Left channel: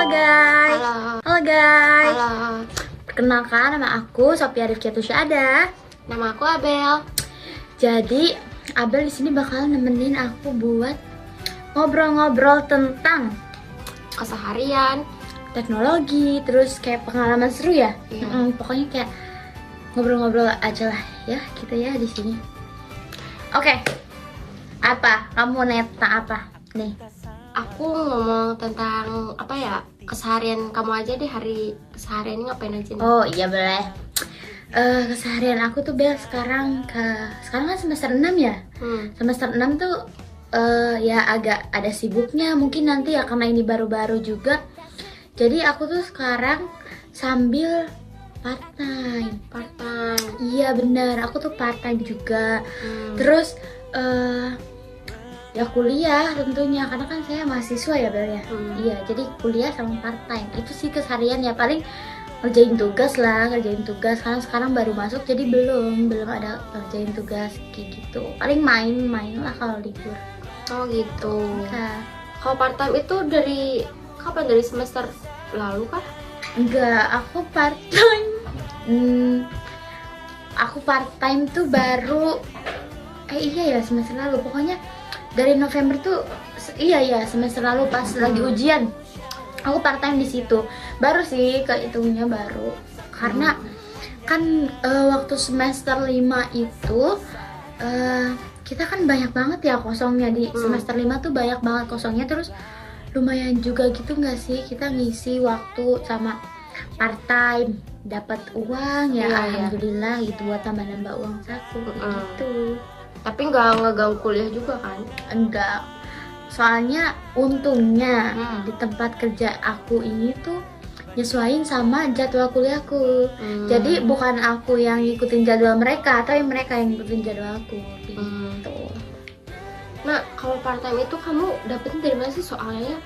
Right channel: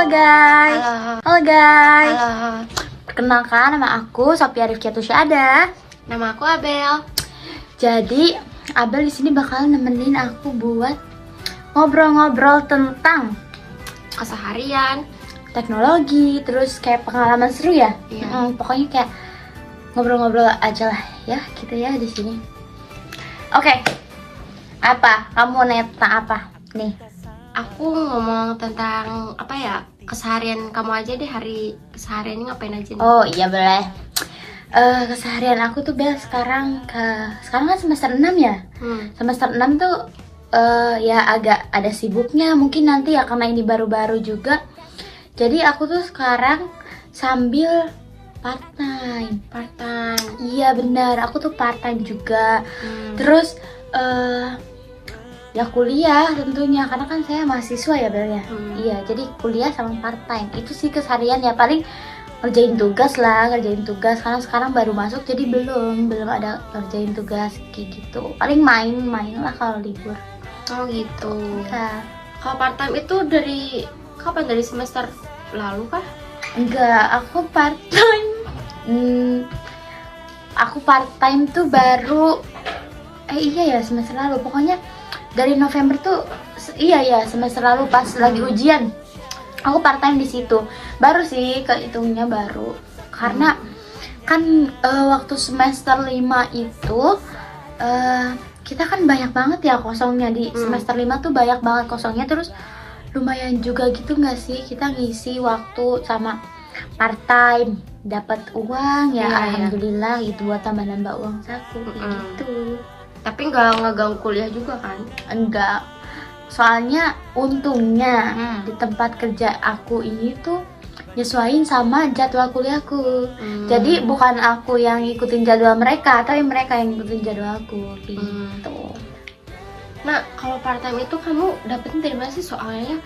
Halo guys. Halo guys. Halo. Perkenalkan, nama aku Sophia Rifkiatus Syada. Nama aku Abel. Jadi Abel di sini bakal nemenin aku buat ngobrol-ngobrol tentang Keseharian, teknologi, terus kayak pengalaman seru ya. Iya. Pokoknya kayak ngobrol-ngobrol aja lah ya, gitu ya di sini. Oke. Apa? Kamu mau nanya tentang apa? Nih. aku ngomong tentang apa ya, keseharian kamu aja deh. Hari keseharian ngapain aja nih? Oh iya boleh. Keseharian aku tuh sekarang kan semester 6 ya. Semester 6 tuh ya agak ada sibuknya mungkin nanti ya, karena ini baru-baru juga. Jadi aku tuh sekarang sambil part time. Iya benar, aku tuh part time juga. Terus ya kuliah tentunya, karena kan saya mahasiswa ya Bel ya. Iya, jadi kuliah sama part time. Itu sih keseharian ya, paling ngerjain tugas karena sekarang baru masuk, jadi belum ada ngerjain tugas kayak gitu. Paling main lah kalau libur. Oh gitu. Nah, Kalau part time itu dari kapan? Dari semester lalu kah? enggak, aku part time. Aku part time tuh baru iya ya semester lalu. Pokoknya dari November tuh iya ya semester lalu pas lagi ujian. Aku part time di situ. Baru sih kehitungnya baru. Karena kan waktu semester 5 itu kita kan banyak banget ya kosongnya di semester 5 tuh banyak banget kosongnya. Terus lumayan juga gitu nggak sih kita ngisi waktu sama part time, dapat uang ya, alhamdulillah gitu buat tambah nambah uang saku gitu. Tapi nggak ngeganggu kuliah juga kan? Enggak, soalnya untungnya di tempat kerja aku ini tuh nyesuaiin sama jadwal kuliahku. Jadi bukan aku yang ngikutin jadwal mereka, tapi mereka yang ngikutin jadwalku gitu. Nah, kalau part time itu kamu dapetin dari mana sih? Soalnya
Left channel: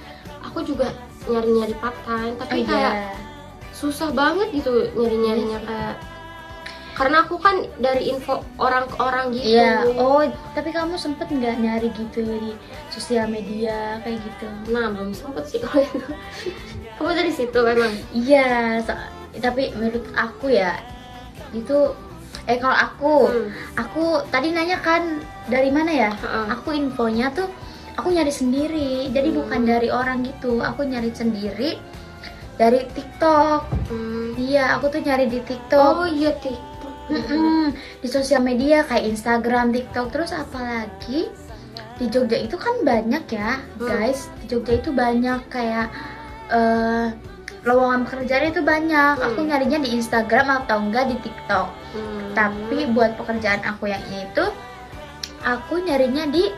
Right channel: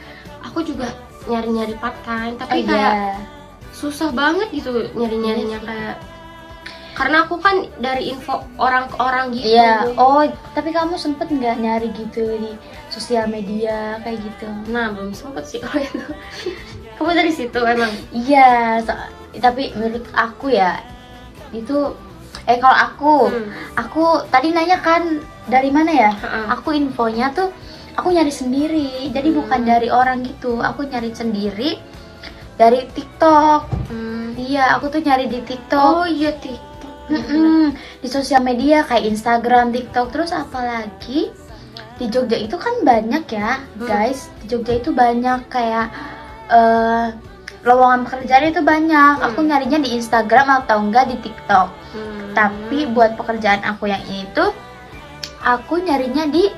aku juga nyari-nyari part time, tapi kayak susah banget gitu nyari-nyarinya kayak, karena aku kan dari info orang ke orang gitu. Iya. Oh, tapi kamu sempet nggak nyari gitu di sosial media kayak gitu? Nah, belum sempet sih kalau itu. Kamu dari situ emang? Iya, tapi menurut aku ya itu kalau aku tadi nanya kan dari mana ya? Aku infonya tuh aku nyari sendiri, jadi bukan dari orang gitu. Aku nyari sendiri dari TikTok. Iya, aku tuh nyari di TikTok. Oh iya, TikTok. Di sosial media kayak Instagram, TikTok, terus apalagi di Jogja itu kan banyak ya guys. Di Jogja itu banyak kayak lowongan pekerjaan itu banyak. Aku nyarinya di Instagram atau enggak di TikTok. Tapi buat pekerjaan aku yang ini tuh aku nyarinya di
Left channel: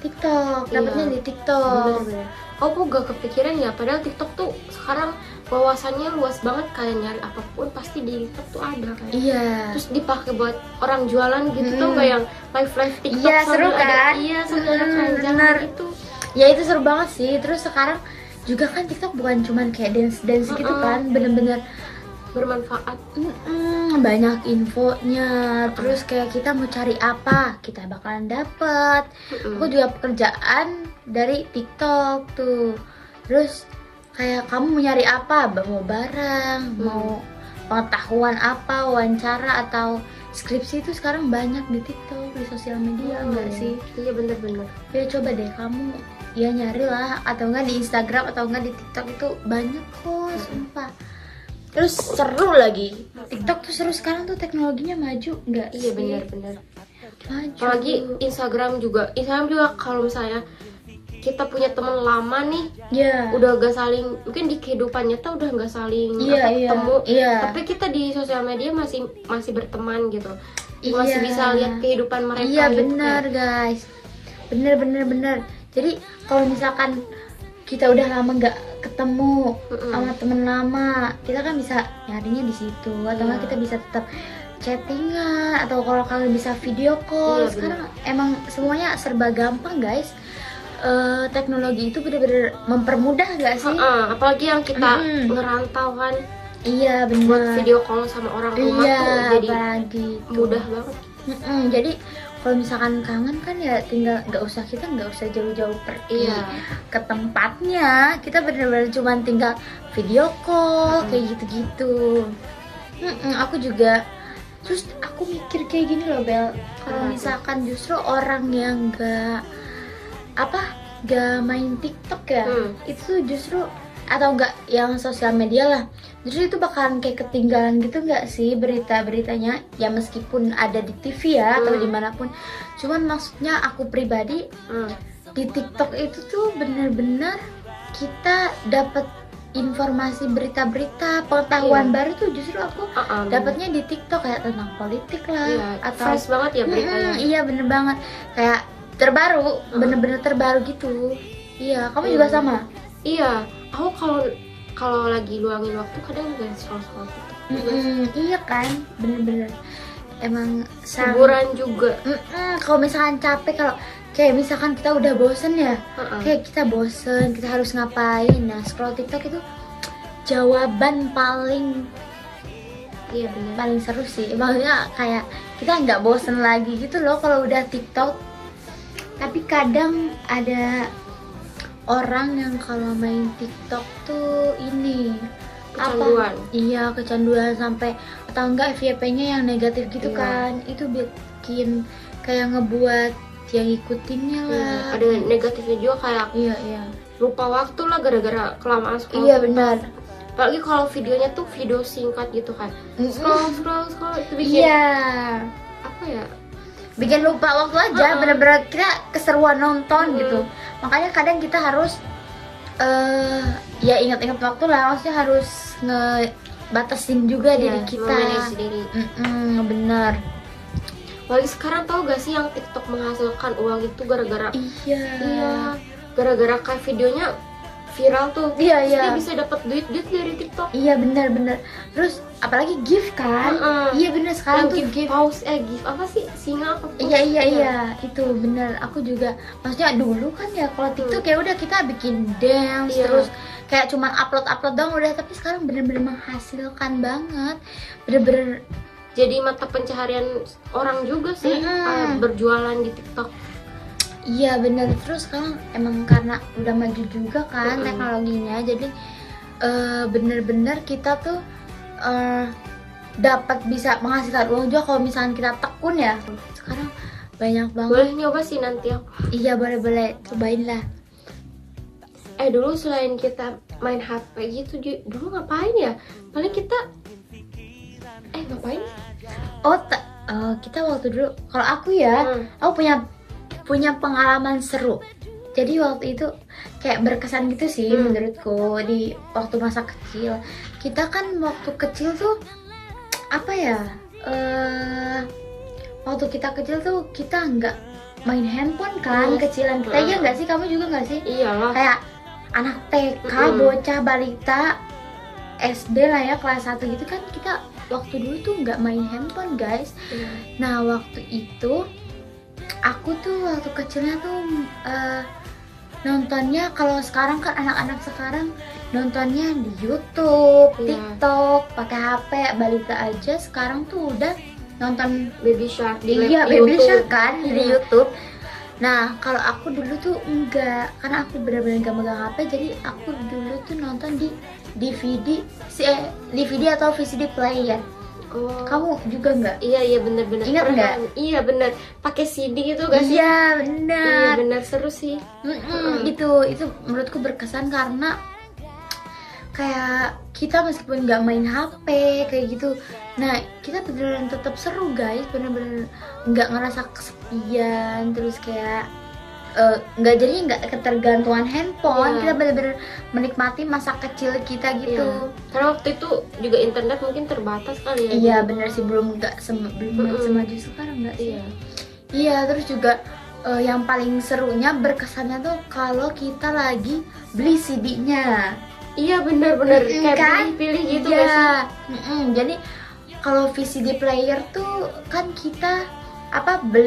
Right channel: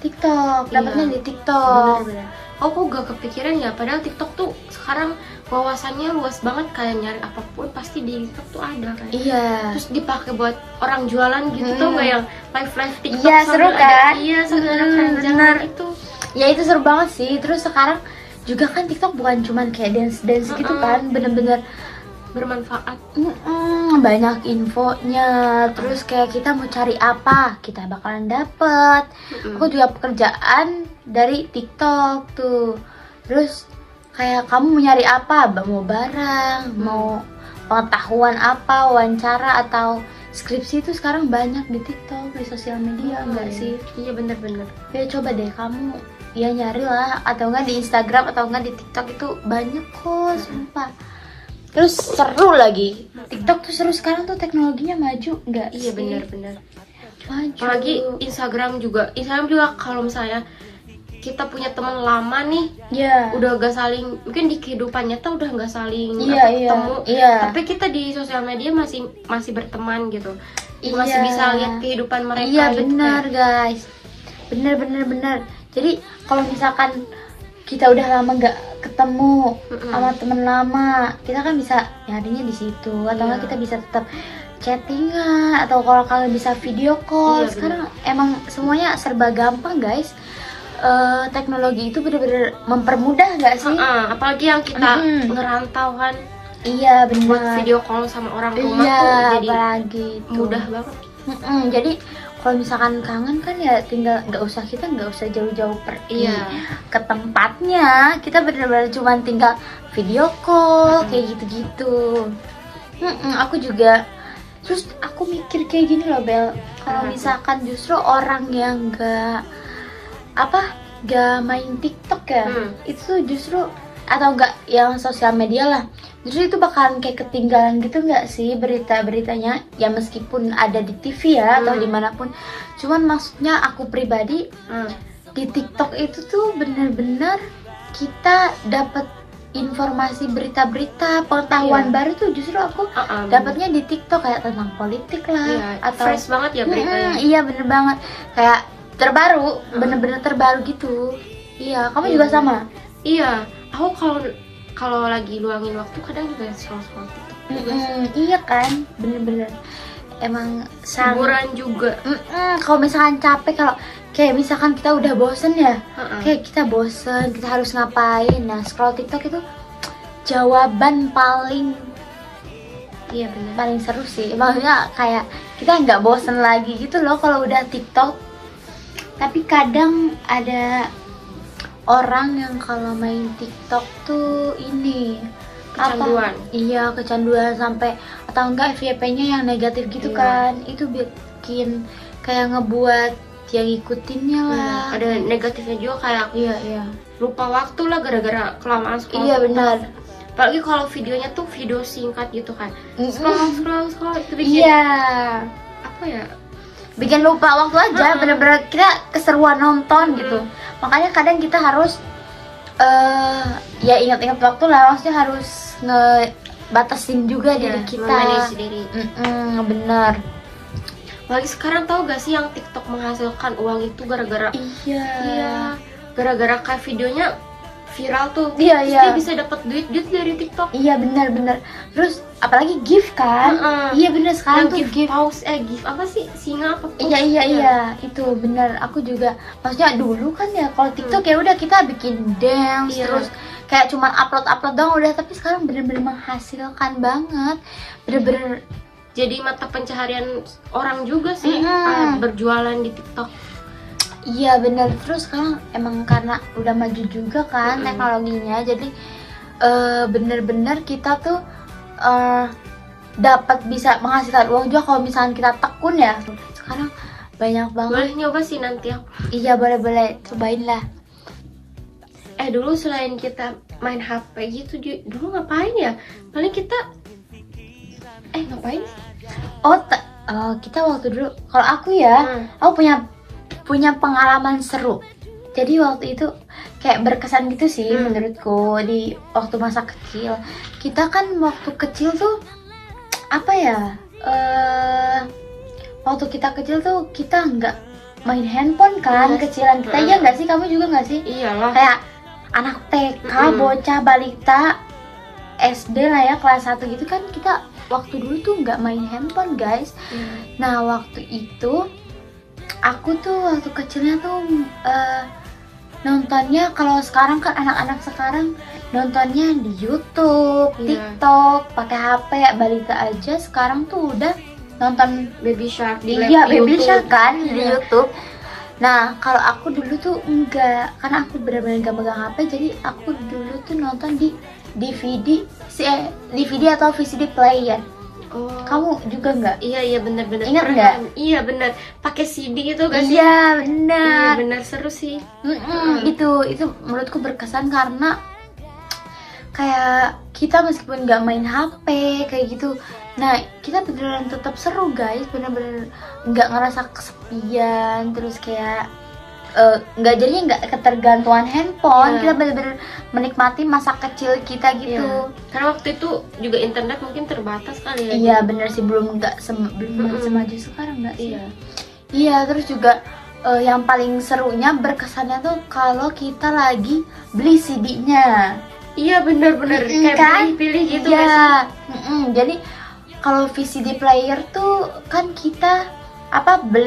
TikTok, dapatnya di TikTok. Bener. Aku gak kepikiran ya, padahal TikTok tuh sekarang wawasannya luas banget, kayak nyari apapun pasti di TikTok tuh ada kayak. Iya. Terus dipakai buat orang jualan gitu tuh, kayak yang live TikTok. Iya, seru kan? Iya, sambil ada keranjang itu. Ya itu seru banget sih. Terus sekarang juga kan TikTok bukan cuman kayak dance gitu kan, bener-bener bermanfaat. Banyak infonya. Terus kayak kita mau cari apa, kita bakalan dapet. Aku juga pekerjaan dari TikTok tuh. Terus kayak kamu mau nyari apa, mau barang, mau pengetahuan apa, wawancara atau skripsi itu sekarang banyak di TikTok, di sosial media, enggak sih? Iya, bener. Ya coba deh kamu ya nyari lah, atau enggak di Instagram atau enggak di TikTok, itu banyak kok, sumpah. Terus seru lagi. TikTok tuh seru, sekarang tuh teknologinya maju, enggak sih? Iya, bener. Maju. Apalagi Instagram juga kalau misalnya kita punya teman lama nih, udah gak saling, mungkin di kehidupan nyata udah gak saling ketemu, tapi kita di sosial media masih berteman gitu, masih bisa lihat kehidupan mereka. Iya gitu. benar guys, bener. Jadi kalau misalkan kita udah lama nggak ketemu sama temen lama, kita kan bisa nyarinya di situ, atau nggak kita bisa tetap chattingan, atau kalau kalian bisa video call. Sekarang emang semuanya serba gampang guys. Teknologi itu bener-bener mempermudah nggak sih? Apalagi yang kita ngerantau kan. Iya benar. Buat video call sama orang rumah tuh jadi apalagi mudah banget. Jadi kalau misalkan kangen kan ya tinggal nggak usah jauh-jauh pergi ke tempatnya, kita benar-benar cuma tinggal video call kayak gitu-gitu. Aku juga terus aku mikir kayak gini loh Bel, kalau misalkan justru orang yang nggak main TikTok ya, itu justru atau enggak yang sosial media lah, justru itu bakalan kayak ketinggalan gitu nggak sih berita-beritanya ya, meskipun ada di TV ya atau dimanapun. Cuman maksudnya aku pribadi di TikTok itu tuh bener-bener kita dapat informasi berita-berita pengetahuan baru tuh justru aku dapatnya di TikTok, kayak tentang politik lah atau fresh banget ya beritanya. Iya bener banget, kayak terbaru, bener-bener terbaru gitu. Iya, kamu juga sama? Iya, aku kalau lagi luangin waktu kadang juga scroll TikTok. Iya kan, bener-bener emang hiburan juga. Kalau misalkan capek, kalau kayak misalkan kita udah bosen ya, kayak kita bosen, kita harus ngapain, nah scroll TikTok itu jawaban paling paling seru sih. Maksudnya kayak kita nggak bosen lagi gitu loh kalau udah TikTok. Tapi kadang ada orang yang kalau main TikTok tuh ini kecanduan. Iya, kecanduan sampai atau enggak FYP-nya yang negatif gitu kan. Itu bikin kayak ngebuat yang ngikutinnya lah. Ada negatifnya juga kayak lupa waktu lah gara-gara kelamaan scroll. Iya benar. Apalagi kalau videonya tuh video singkat gitu kan. Scroll itu bikin apa ya? Bikin lupa waktu aja, bener-bener kita keseruan nonton gitu. Makanya kadang kita harus ya ingat-ingat waktu lah, maksudnya harus ngebatasin juga diri kita. Bener. Lagi sekarang tahu gak sih yang TikTok menghasilkan uang itu gara-gara gara-gara kayak videonya viral tuh. Dia bisa dapat duit dari TikTok. Iya benar. Terus apalagi gift kan? Iya benar, sekarang tuh gift apa sih? Singa apa? Iya itu benar. Aku juga maksudnya dulu kan ya kalau TikTok ya udah kita bikin dance terus kayak cuman upload doang udah, tapi sekarang bener-bener menghasilkan banget. Bener-bener jadi mata pencaharian orang juga sih berjualan di TikTok. Iya bener. Terus sekarang emang karena udah maju juga kan teknologinya, jadi bener-bener kita tuh dapat bisa menghasilkan uang juga kalau misalnya kita tekun ya. Sekarang banyak banget. Boleh nyoba sih nanti aku. Iya boleh cobain lah. Dulu selain kita main HP gitu, dulu ngapain ya? Paling kita ngapain? Kita waktu dulu, kalau aku ya, aku punya pengalaman seru. Jadi waktu itu kayak berkesan gitu sih menurutku di waktu masa kecil. Kita kan waktu kecil tuh waktu kita kecil tuh kita nggak main handphone kan, kecilan kita. Iya nggak sih, kamu juga nggak sih? Iyalah. Kayak anak TK, bocah balita, SD lah ya, kelas 1 gitu kan, kita waktu dulu tuh nggak main handphone guys. Nah waktu itu aku tuh waktu kecilnya tuh nontonnya, kalau sekarang kan anak-anak sekarang nontonnya di YouTube, TikTok, pakai HP. Balita aja sekarang tuh udah nonton Baby Shark Baby Shark kan di YouTube. Nah kalau aku dulu tuh enggak, karena aku benar-benar nggak megang HP, jadi aku dulu tuh nonton di DVD atau VCD player. Kamu juga nggak? Iya benar. Ingat nggak? Iya benar. Pakai CD gitu gak sih? Iya benar. Benar seru sih. Itu menurutku berkesan karena kayak kita meskipun nggak main HP kayak gitu, nah kita beneran tetap seru guys, bener-bener nggak ngerasa kesepian, terus kayak nggak ketergantungan handphone. Kita bener-bener menikmati masa kecil kita gitu. Karena waktu itu juga internet mungkin terbatas kali ya. Iya bener sih, belum semaju sekarang nggak sih. Iya terus juga yang paling serunya berkesannya tuh kalau kita lagi beli CD-nya. Iya bener kayak kan? pilih gitu. Iya. Jadi kalau VCD player tuh kan kita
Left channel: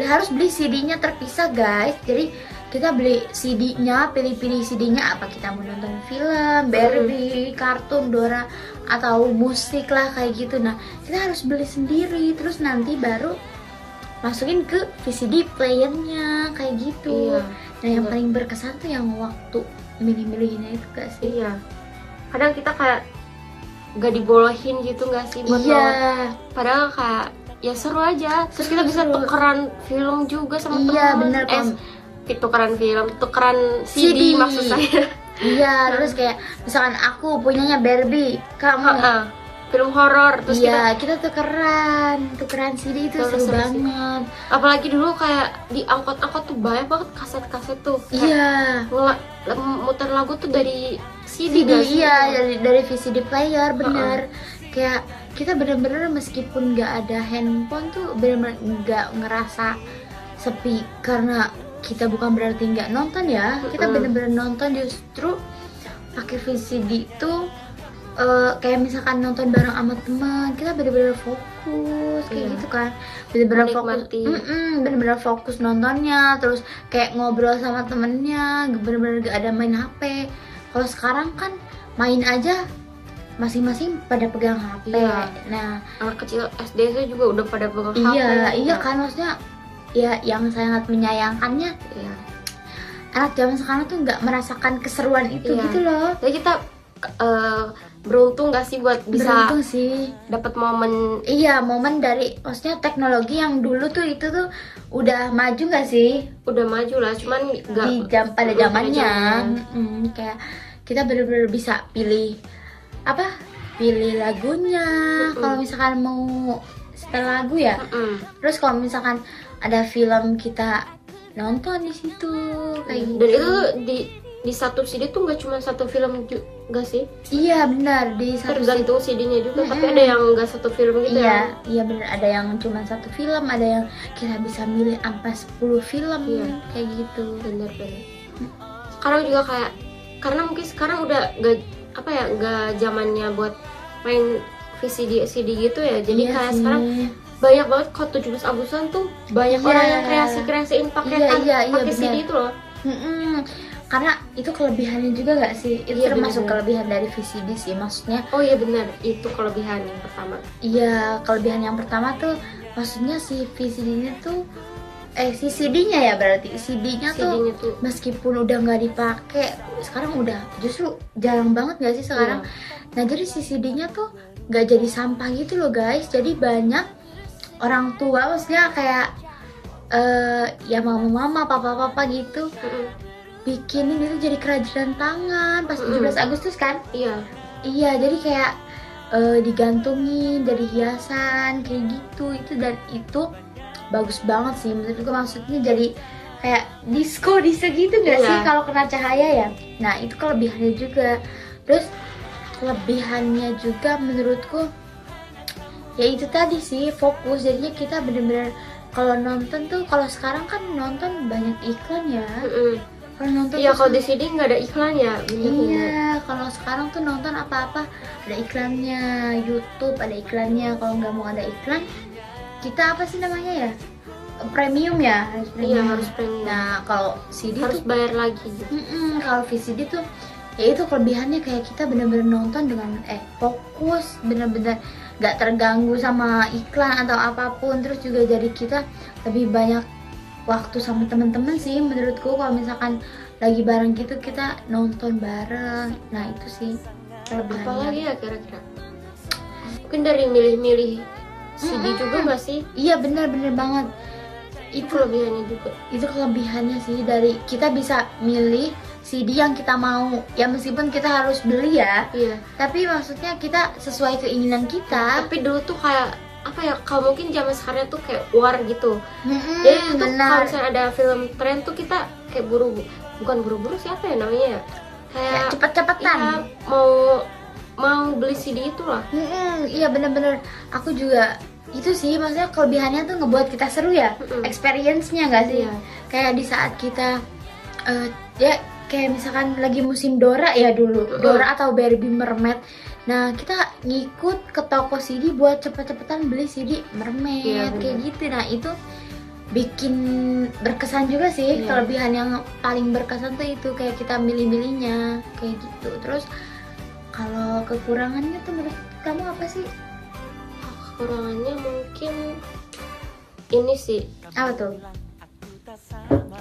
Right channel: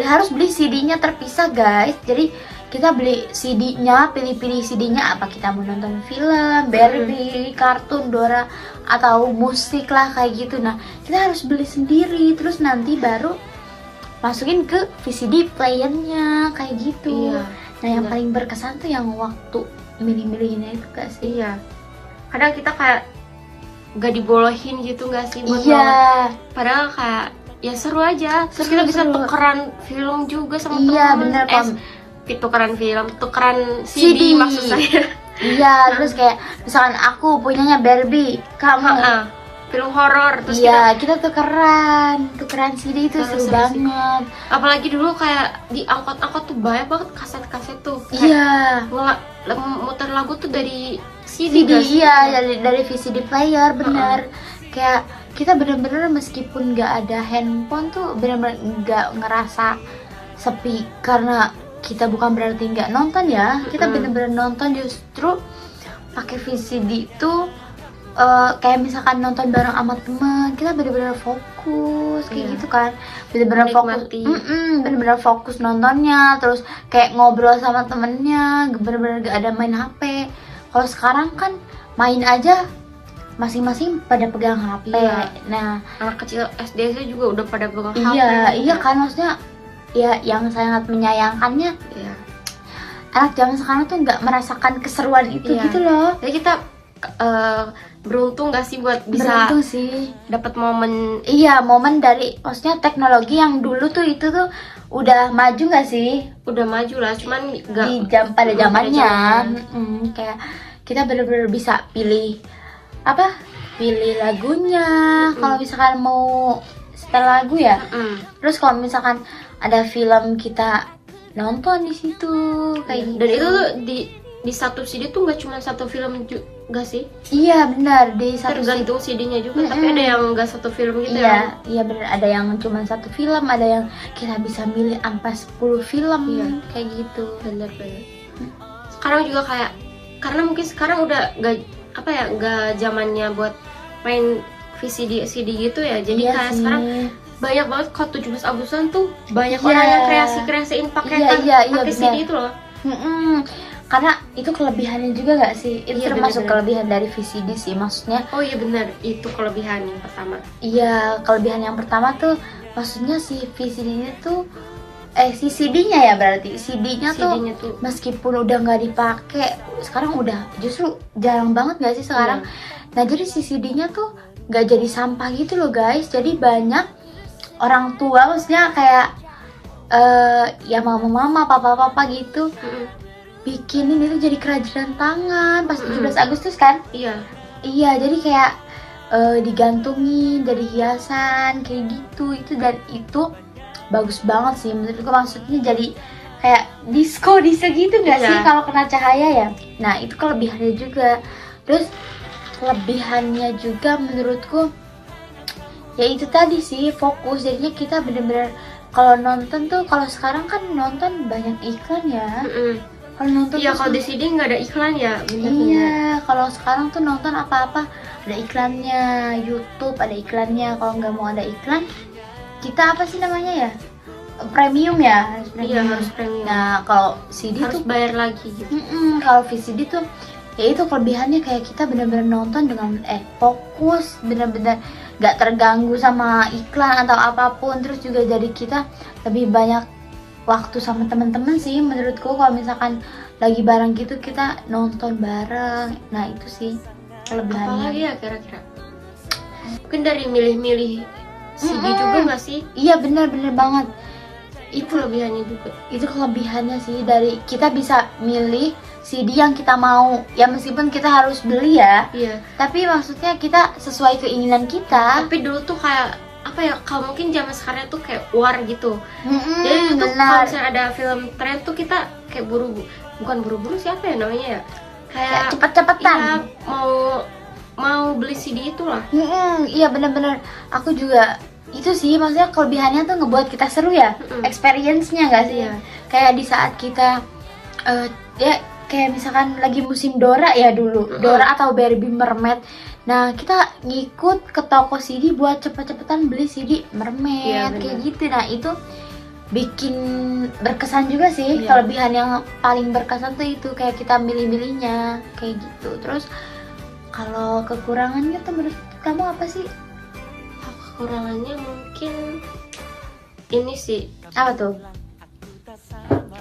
harus beli CD-nya terpisah guys. Jadi kita beli CD-nya, pilih-pilih CD-nya apa, kita mau nonton film, Barbie, kartun, Dora, atau musik lah kayak gitu. Nah kita harus beli sendiri, terus nanti baru masukin ke VCD playernya kayak gitu. Nah yang paling berkesan tuh yang waktu milih-milihnya itu gak sih? Iya, kadang kita kayak gak dibolehin gitu gak sih buat nonton. Padahal kayak ya seru aja. Terus kita bisa tukeran film juga sama teman. Iya bener tukeran film, tukeran CD maksud saya. Iya, terus kayak misalkan aku punyanya Barbie, kamu film horor, terus kita tukeran CD itu seru banget. Apalagi dulu kayak di angkot-angkot tuh banyak banget kaset-kaset tuh. Iya. Muter lagu tuh dari CD. Iya, dari VCD player, bener. Kayak kita bener-bener meskipun nggak ada handphone tuh bener-bener nggak ngerasa sepi karena kita bukan berarti nggak nonton ya, kita bener-bener nonton, justru pakai VCD itu kayak misalkan nonton bareng sama teman, kita bener-bener fokus kayak gitu kan, bener-bener fokus nontonnya, terus kayak ngobrol sama temennya, bener-bener gak ada main HP. Kalau sekarang kan main aja masing-masing pada pegang HP. Nah anak kecil SD saya juga udah pada pegang HP. Iya kan, maksudnya ya yang sangat menyayangkannya anak zaman sekarang tuh nggak merasakan keseruan itu gitu loh. Jadi kita beruntung gak sih buat bisa dapat momen dari maksudnya teknologi yang dulu tuh itu tuh udah maju nggak sih? Udah maju lah, cuman nggak pada zamannya kayak kita bener-bener bisa pilih lagunya. Kalau misalkan mau setel lagu ya, terus kalau misalkan ada film kita nonton di situ kayak gitu. Dan itu tuh di satu CD tuh nggak cuma satu film juga sih? Iya benar, di satu tergantung CD-nya juga. Tapi ada yang nggak satu film gitu. Iya benar, ada yang cuma satu film, ada yang kita bisa milih sampai 10 film kayak gitu. Bener. Sekarang juga kayak karena mungkin sekarang udah nggak zamannya buat main VCD gitu ya. Jadi kayak sekarang banyak banget kalau 17 Agustusan tuh banyak orang yang kreasiin pakai CD itu loh. Karena itu kelebihannya juga gak sih? Itu termasuk kelebihan dari VCD sih, maksudnya. Oh iya benar, itu kelebihan yang pertama. Iya, kelebihan yang pertama tuh maksudnya si VCD itu si CD-nya ya, berarti CD-nya tuh meskipun udah nggak dipakai sekarang, udah justru jarang banget gak sih sekarang. Nah jadi si CD-nya tuh nggak jadi sampah gitu loh guys. Jadi banyak orang tua, maksudnya kayak ya mama-mama, papa-papa gitu, bikinin itu jadi kerajinan tangan pas 17 Agustus kan. Iya jadi kayak digantungin dari hiasan kayak gitu. Dan itu bagus banget sih menurutku, maksudnya jadi kayak disco gitu gak sih kalau kena cahaya ya. Nah itu kelebihannya juga. Terus kelebihannya juga menurutku ya itu tadi sih, fokus. Jadinya kita bener-bener kalau nonton tuh, kalau sekarang kan nonton banyak iklan ya. Kalau nonton kalau di CD nggak ada iklan ya. Kalau sekarang tuh nonton apa-apa ada iklannya, YouTube ada iklannya. Kalau nggak mau ada iklan, kita apa sih namanya ya, premium ya, harus premium. Nah kalau CD harus tuh bayar lagi gitu. Kalau VCD tuh ya itu kelebihannya, kayak kita bener-bener nonton dengan fokus, bener-bener gak terganggu sama iklan atau apapun. Terus juga jadi kita lebih banyak waktu sama teman-teman sih menurutku. Kalau misalkan lagi bareng gitu kita nonton bareng, nah itu sih kelebihannya. Apalagi ya kira-kira? Mungkin dari milih-milih CD juga nggak sih? Iya benar-benar banget. Itu kelebihannya juga. Itu kelebihannya sih, dari kita bisa milih CD yang kita mau. Ya meskipun kita harus beli ya. Tapi maksudnya kita sesuai keinginan kita. Tapi dulu tuh kayak apa ya, kalau mungkin zaman sekarang tuh kayak war gitu. Jadi itu tuh kalau misalnya ada film tren tuh kita kayak bukan buru-buru, siapa ya namanya ya? Kayak cepet-cepetan. Iya, mau beli CD itu lah. Iya bener-bener. Aku juga itu sih, maksudnya kelebihannya tuh ngebuat kita seru ya. Experience-nya gak sih? Kayak di saat kita ya kayak misalkan lagi musim Dora ya dulu, Dora atau Barbie Mermaid. Nah kita ngikut ke toko CD buat cepet-cepetan beli CD Mermaid kayak gitu. Nah itu bikin berkesan juga sih. Kelebihan yang paling berkesan tuh itu, kayak kita milih-milihnya kayak gitu. Terus kalau kekurangannya tuh menurut kamu apa sih? Kekurangannya mungkin ini sih. Apa tuh?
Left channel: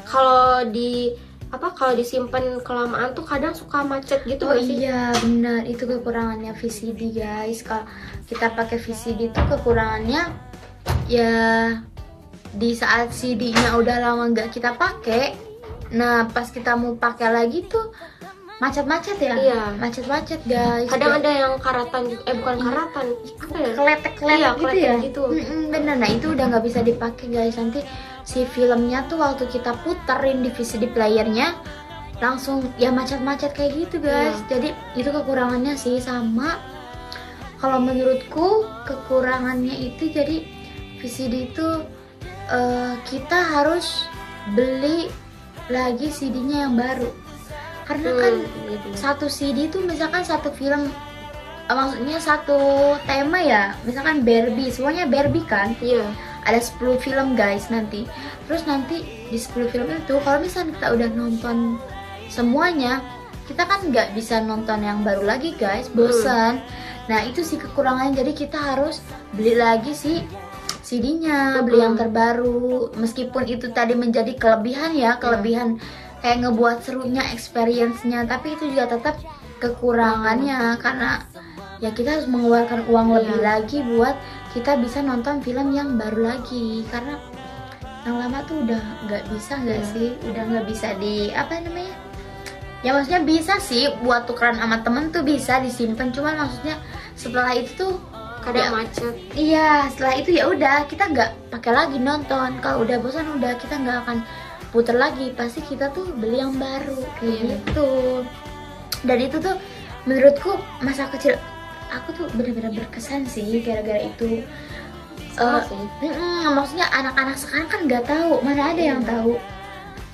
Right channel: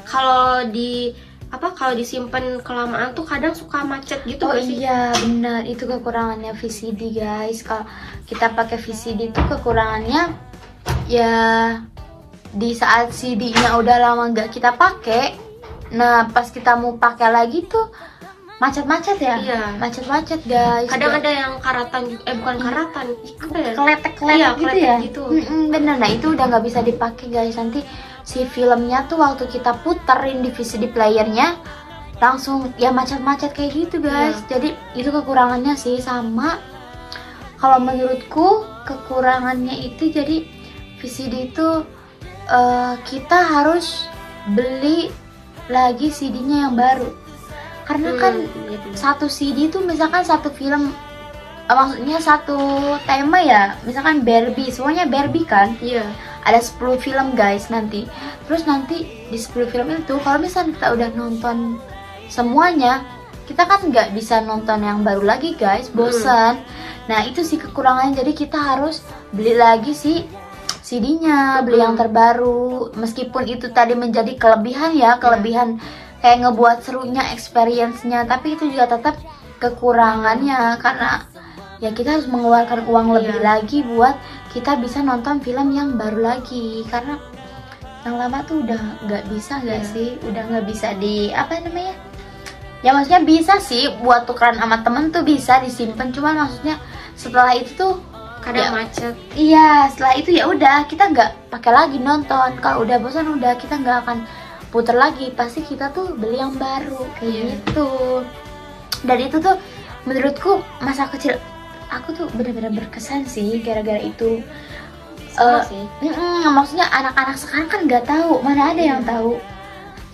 Kalau disimpan kelamaan tuh kadang suka macet gitu. Oh iya benar, itu kekurangannya VCD guys. Kalau kita pakai VCD itu kekurangannya ya di saat CD-nya udah lama nggak kita pakai, nah pas kita mau pakai lagi tuh macet-macet ya. Iya. Macet-macet guys. Kadang ada yang karatan, bukan karatan, apa ya? Keletek-keletek gitu ya. Gitu. Bener, nah itu udah nggak bisa dipakai guys. Nanti si filmnya tuh waktu kita puterin di VCD playernya langsung ya macet-macet kayak gitu guys. Jadi itu kekurangannya sih. Sama kalau menurutku kekurangannya itu jadi VCD itu kita harus beli lagi CD-nya yang baru. Karena kan satu CD itu misalkan satu film, maksudnya satu tema ya, misalkan Barbie, semuanya Barbie kan. Iya. Ada 10 film guys nanti. Terus nanti di 10 film itu kalau misalnya kita udah nonton semuanya, kita kan nggak bisa nonton yang baru lagi guys, bosan. Nah itu sih kekurangannya, jadi kita harus beli lagi sih CD-nya, beli yang terbaru. Meskipun itu tadi menjadi kelebihan ya, kelebihan kayak ngebuat serunya, experience-nya, tapi itu juga tetap kekurangannya karena ya kita harus mengeluarkan uang lebih lagi buat kita bisa nonton film yang baru lagi. Karena yang lama tuh udah nggak bisa sih, udah nggak bisa di apa namanya ya, maksudnya bisa sih buat tukeran sama temen tuh bisa disimpan, cuman maksudnya setelah itu tuh kadang macet. Iya, setelah itu ya udah kita nggak pakai lagi nonton. Kalau udah bosan udah kita nggak akan puter lagi, pasti kita tuh beli yang baru kayak gitu. Dan itu tuh menurutku masa kecil aku tuh benar-benar berkesan sih gara-gara itu. Maksudnya anak-anak sekarang kan nggak tahu, mana ada yang tahu.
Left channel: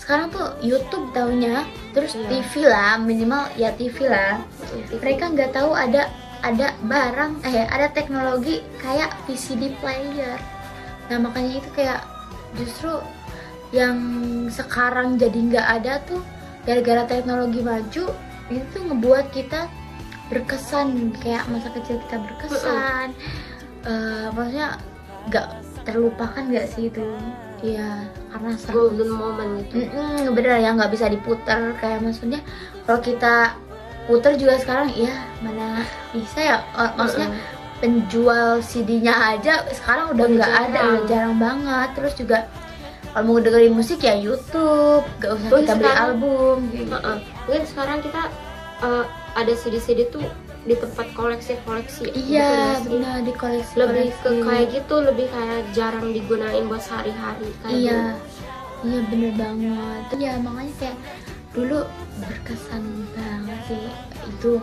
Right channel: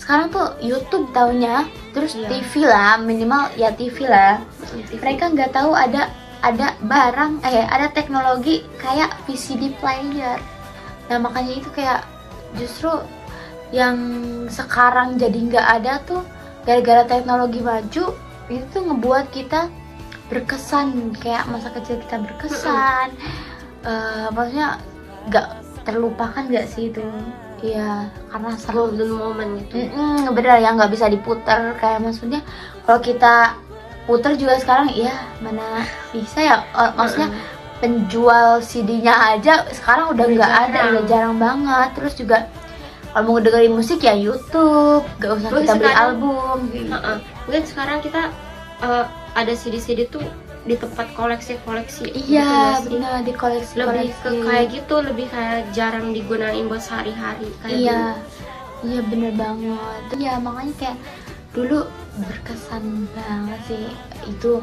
Sekarang tuh YouTube taunya, terus TV lah, minimal ya TV lah. Mereka nggak tahu ada barang, ada teknologi kayak VCD player. Nah makanya itu kayak justru yang sekarang jadi nggak ada tuh gara-gara teknologi maju, itu tuh ngebuat kita berkesan, kayak masa kecil kita berkesan. Maksudnya nggak terlupakan nggak sih itu ya, karena seru golden moment itu. Bener ya, nggak bisa diputer. Kayak maksudnya kalau kita puter juga sekarang ya mana bisa ya, maksudnya penjual CD-nya aja sekarang udah nggak ada, udah jarang banget. Terus juga kalau mau dengerin musik ya YouTube, gak usah kita beli album gitu. Mungkin sekarang kita ada CD-CD tuh di tempat koleksi-koleksi. Iya benar, di koleksi. Lebih ke kayak gitu, lebih kayak jarang digunain buat sehari-hari. Iya bener banget. Ya makanya kayak dulu berkesan banget sih itu,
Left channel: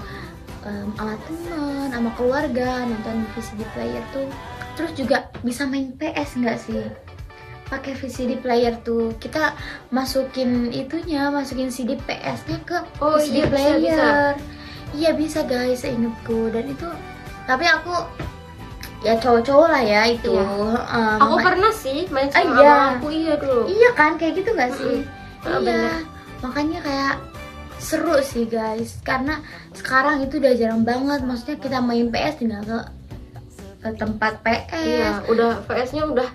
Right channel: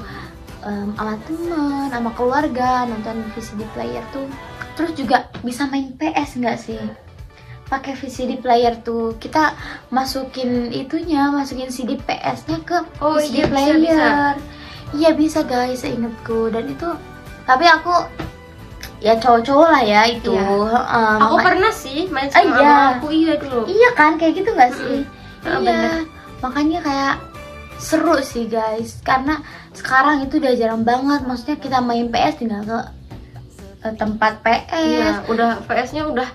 sama teman, sama keluarga nonton VCD player tuh. Terus juga bisa main PS nggak sih? Pakai VCD player tuh kita masukin CD PS-nya ke VCD player. Iya bisa guys, seingatku. Dan itu tapi aku ya cowok-cowok lah ya itu. Aku pernah sih main sama aku. Iya dulu. Iya kan kayak gitu nggak sih? Iya. Bener. Makanya kayak seru sih guys, karena sekarang itu udah jarang banget. Maksudnya kita main PS tinggal ke tempat PS. Iya, udah PS-nya udah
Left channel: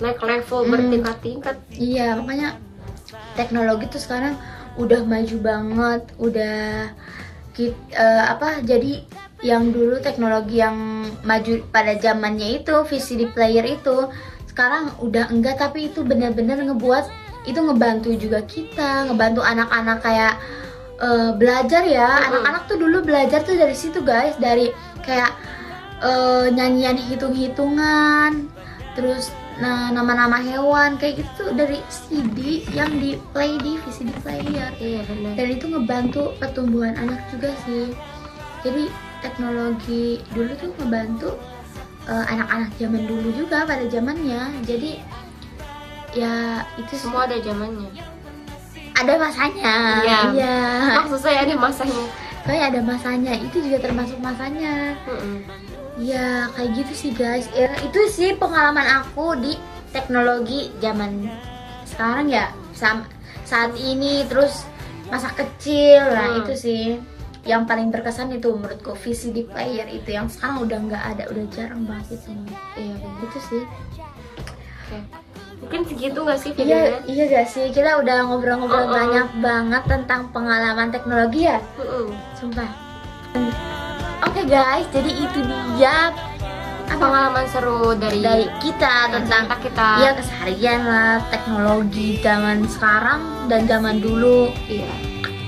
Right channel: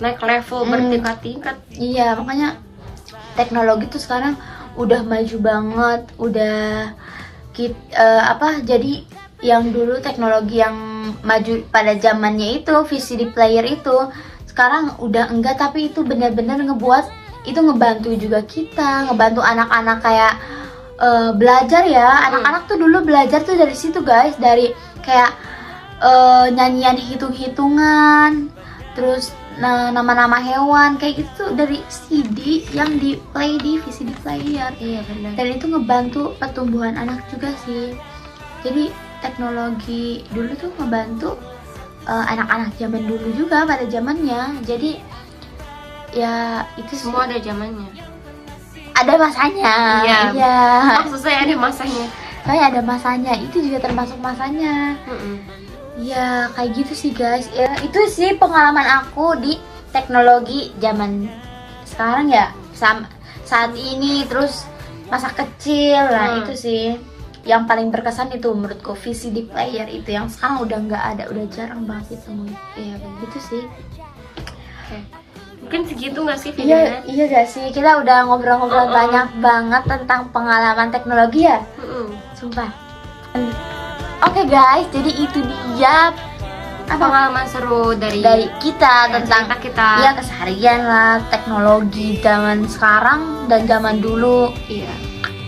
naik level bertingkat-tingkat. Iya, makanya teknologi tuh sekarang udah maju banget, udah jadi yang dulu teknologi yang maju pada zamannya itu VCD player itu sekarang udah enggak, tapi itu benar-benar ngebuat itu ngebantu juga kita, ngebantu anak-anak kayak belajar ya. Anak-anak tuh dulu belajar tuh dari situ guys, dari kayak nyanyian hitung-hitungan, terus nama-nama hewan kayak gitu dari CD yang di play di VCD player. Iya benar. Dan itu ngebantu pertumbuhan anak juga sih. Jadi teknologi dulu tuh ngebantu anak-anak zaman dulu juga pada zamannya. Jadi ya itu semua ada zamannya. Ada masanya. Iya. Maksud saya ada masanya. Kayak ada masanya, itu juga termasuk masanya. Ya kayak gitu sih guys. Ya, itu sih pengalaman aku di teknologi zaman sekarang ya, saat ini. Terus masa kecil. Nah itu sih yang paling berkesan itu menurutku, VCD player itu yang sekarang udah nggak ada, udah jarang banget itu. Iya gitu sih. Mungkin segitu nggak sih Iya, videonya? iya gak sih? Kita udah ngobrol-ngobrol banyak banget tentang pengalaman teknologi ya. Sumpah. Oke guys, jadi itu dia pengalaman seru dari kita tentang kita. Ya keseharian lah, teknologi zaman sekarang dan zaman dulu. Iya.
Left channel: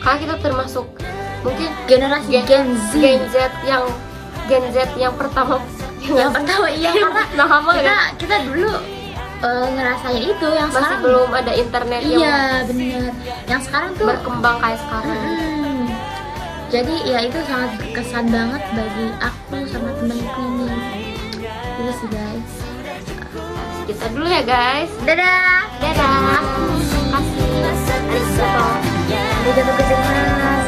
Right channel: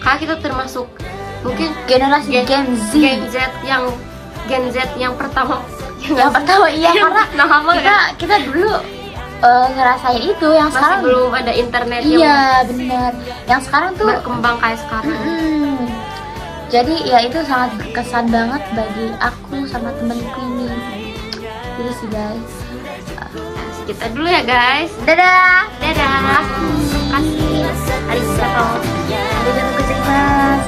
Karena kita termasuk mungkin generasi Gen Z yang pertama. Yang pertama iya, karena kita dulu ngerasain itu yang masih sekarang belum ada internet. Iya benar. Yang sekarang tuh berkembang kayak sekarang. Jadi ya itu sangat berkesan banget bagi aku sama temenku ini. Gitu sih guys. Kita dulu ya guys. Dadah. Dadah. Kasih. Dadah. Dadah.